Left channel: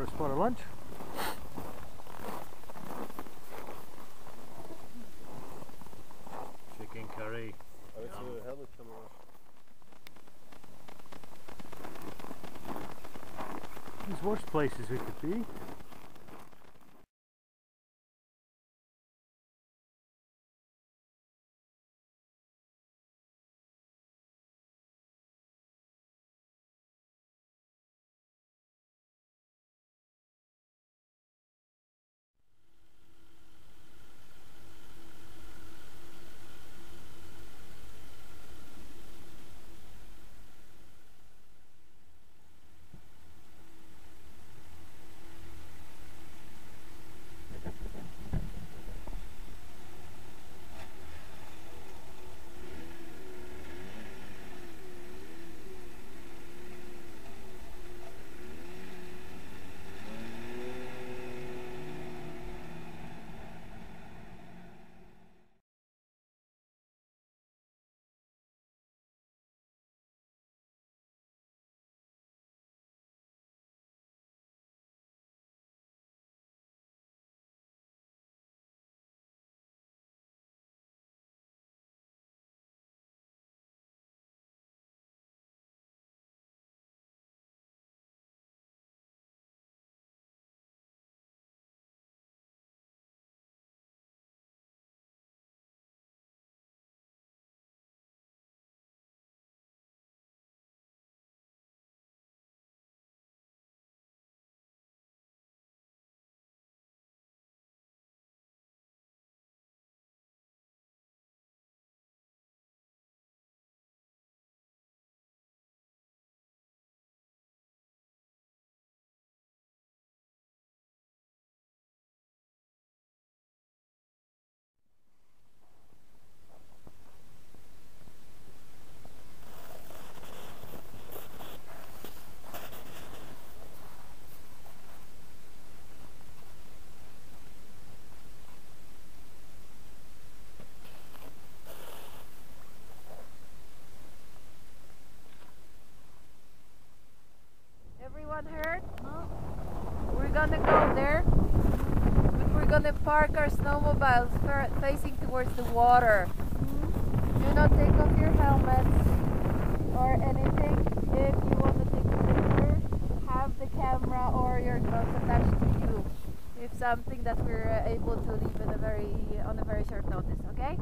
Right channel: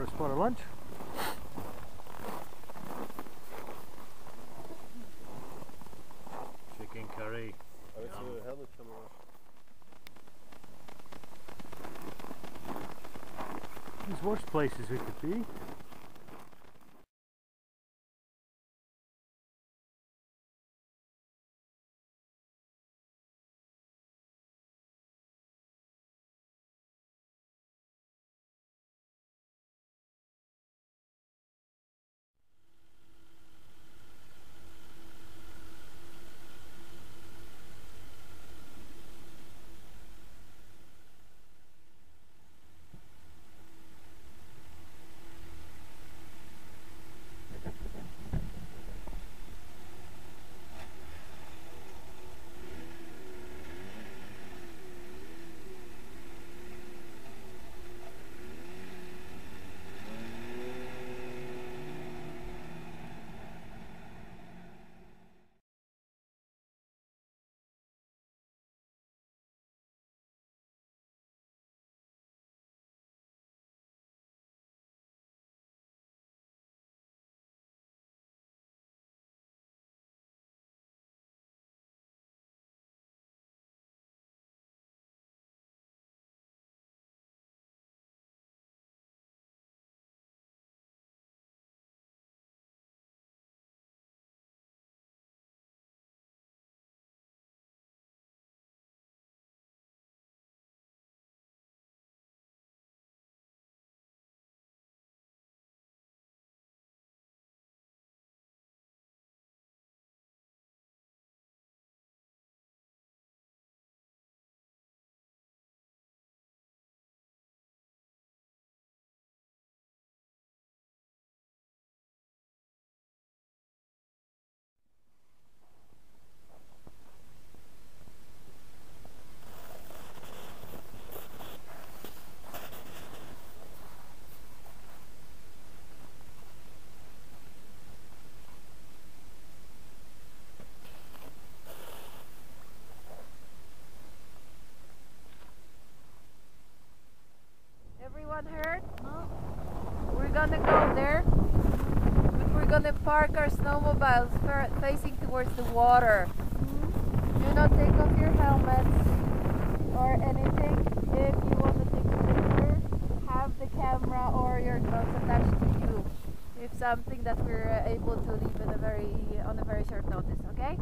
for a spot of lunch. Chicken curry. I went to the helmet camera. There's worse places we could be. Everyone heard? No. We're gonna go there, but we're gonna park our snowmobiles facing towards the water. Do not take off your helmets or anything. If you want to take a picture, have the camera or your gloves attached to you. If something that we're able to leave on a very short notice, okay?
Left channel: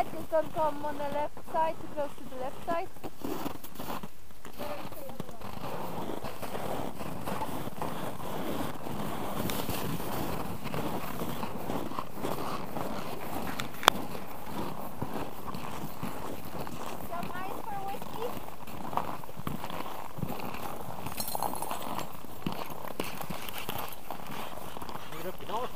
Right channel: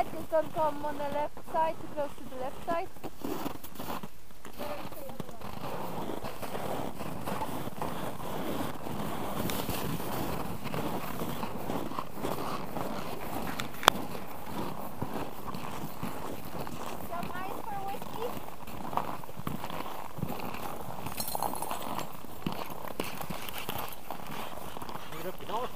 side, just don't come on the left side, too close to the left side. Some ice for whiskey? Bring it up the north.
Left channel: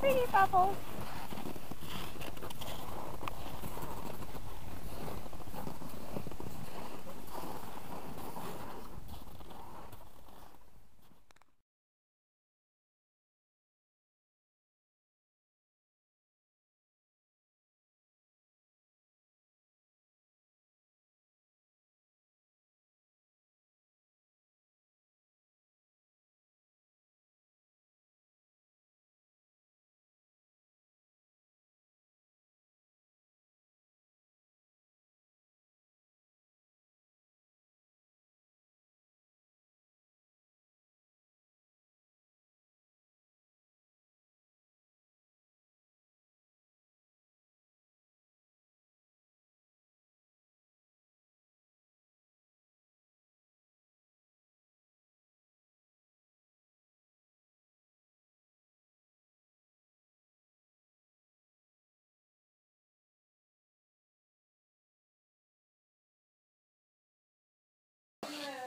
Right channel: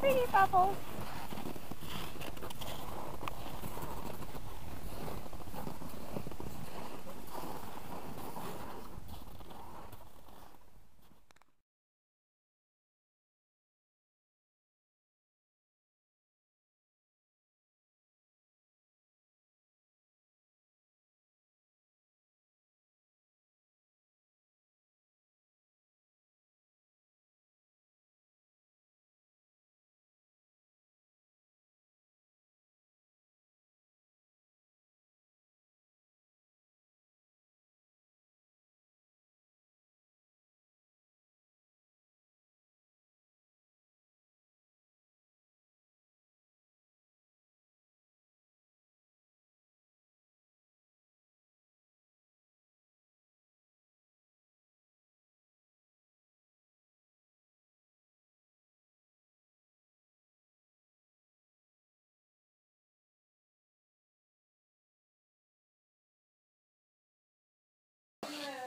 Pretty bubbles.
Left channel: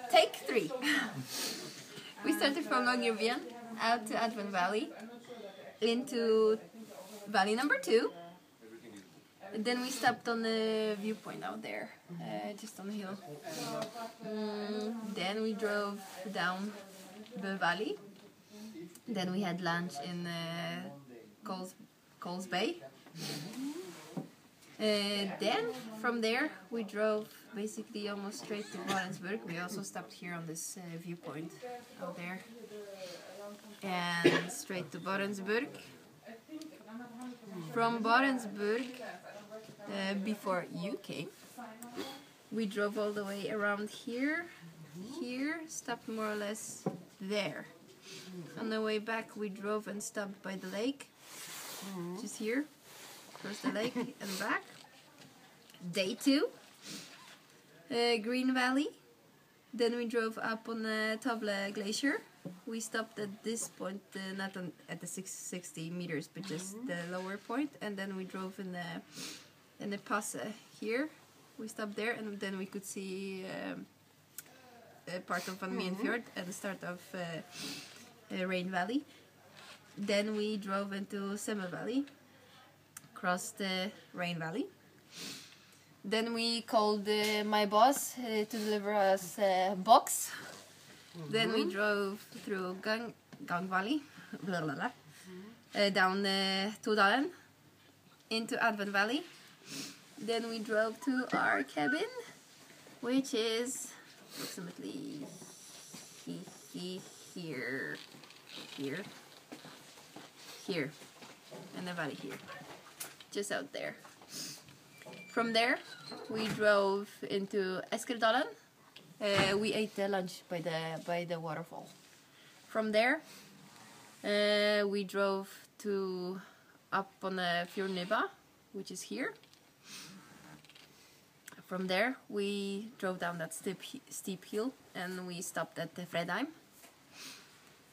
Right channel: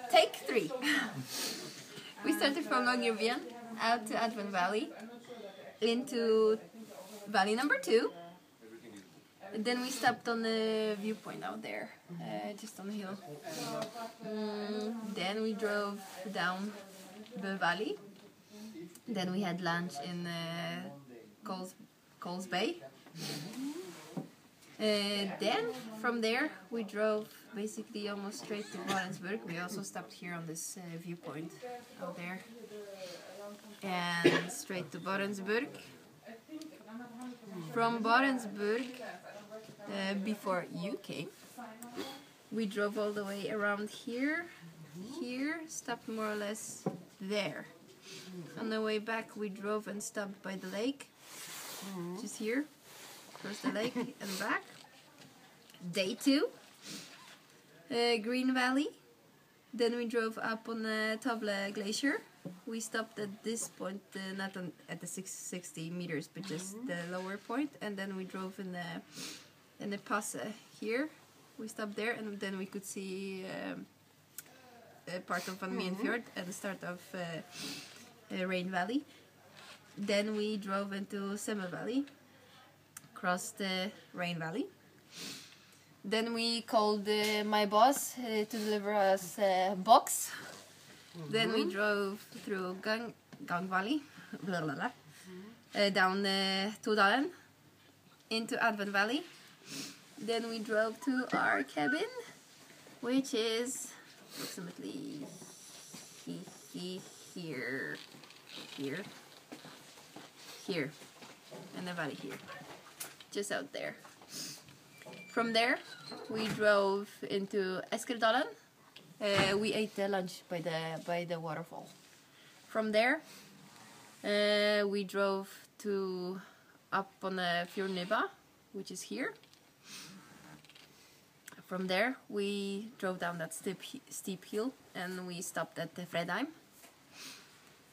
Take 3. We started from Longyearbyen out to Advent Valley into valley number 2. And then we stopped on the viewpoint out there, just on the hill. Then we drove down the valley. Then we had lunch in Coles Bay. Then from there we drove basically almost straight to Barentsburg. We also stopped here on this viewpoint out there and straight to Barentsburg. From Barentsburg, before you came, we drove all the way around here, stopped more or less there. On the way back we drove and stopped by the lake, just here. Across the lake and back. Day 2, Green Valley. Then we drove up on the Tavle Glacier. We stopped at this point, not at the 660 meters, but just the lower point. And then we drove in the pass here. We stopped there, and then we could see a part of Van Mien Fjord and the start of Rain Valley. Then we drove into Semme Valley. Crossed the Rain Valley. Then we called my boss to deliver us a box. Then we drove through Gang Valley, blah, blah, blah, down Todalen into Advent Valley. Then we drove to our cabin, which is approximately here, in the valley here. Just out there. From there, we drove into Eskerdalen. We ate lunch by the waterfall. From there, we drove to up on the Fjordnibba, which is here. From there, we drove down that steep hill and we stopped at Fredheim.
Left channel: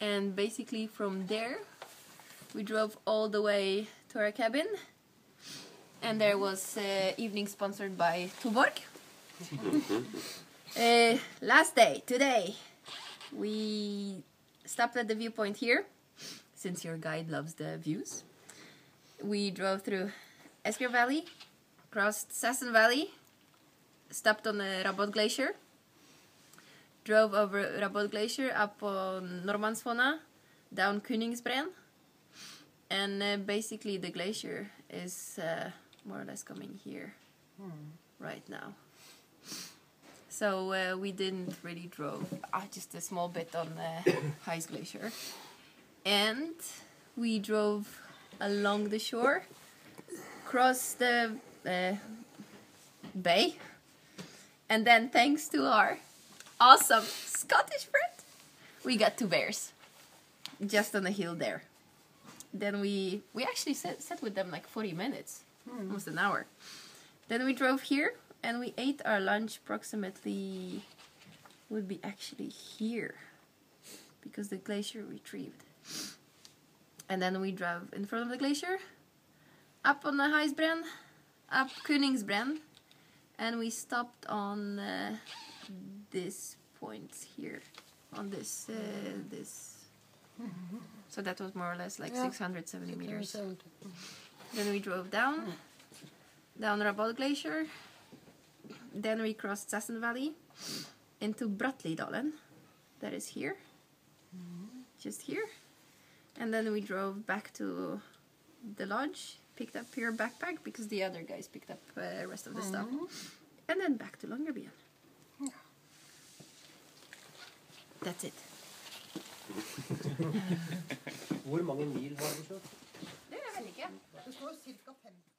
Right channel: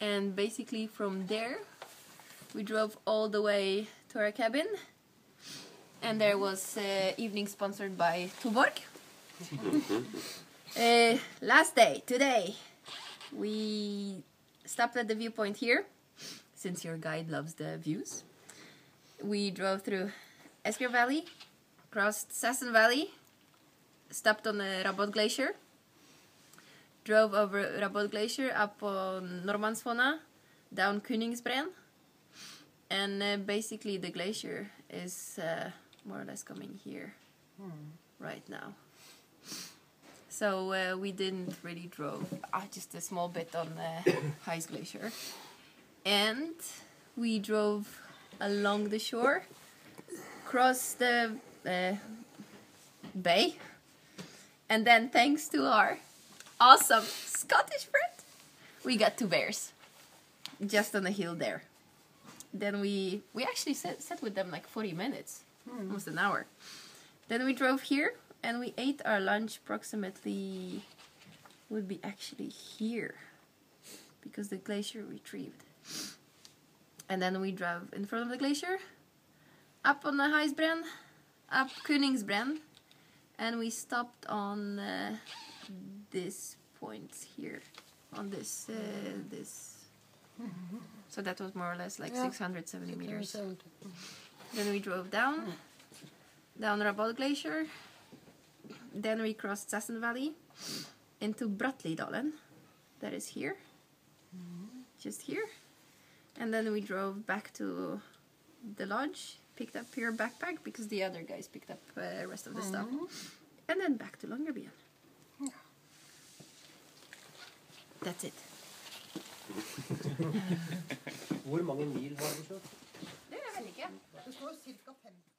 And basically from there, we drove all the way to our cabin. And there was evening sponsored by Tuborg. Last day, today, we stopped at the viewpoint here, since your guide loves the views. We drove through Esker Valley, crossed Sassen Valley, stopped on the Rabot Glacier, drove over Rabot Glacier up on Normansvona, down Koningsbreen, and basically the glacier is more or less coming here right now. So we didn't really drove, just a small bit on the Heis Glacier. And we drove along the shore, across the bay. And then thanks to our awesome Scottish friend, we got 2 bears. Just on the hill there. Then we actually sat with them like 40 minutes. Almost an hour. Then we drove here and we ate our lunch approximately, would be actually here. Because the glacier retrieved. And then we drove in front of the glacier, up on the Heisbren, up Koningsbren, and we stopped on this point here, on this, so that was more or less like 670 meters. Then we drove down Rabod Glacier, then we crossed Sassen Valley into Bratlidalen, that is here, just here. And then we drove back to the lodge, picked up your backpack because the other guys picked up the rest of the stuff. And then back to Longyearbyen. That's it. Hvor mange mil har du kjørt? Det vet jeg ikke. Det står cirka 50.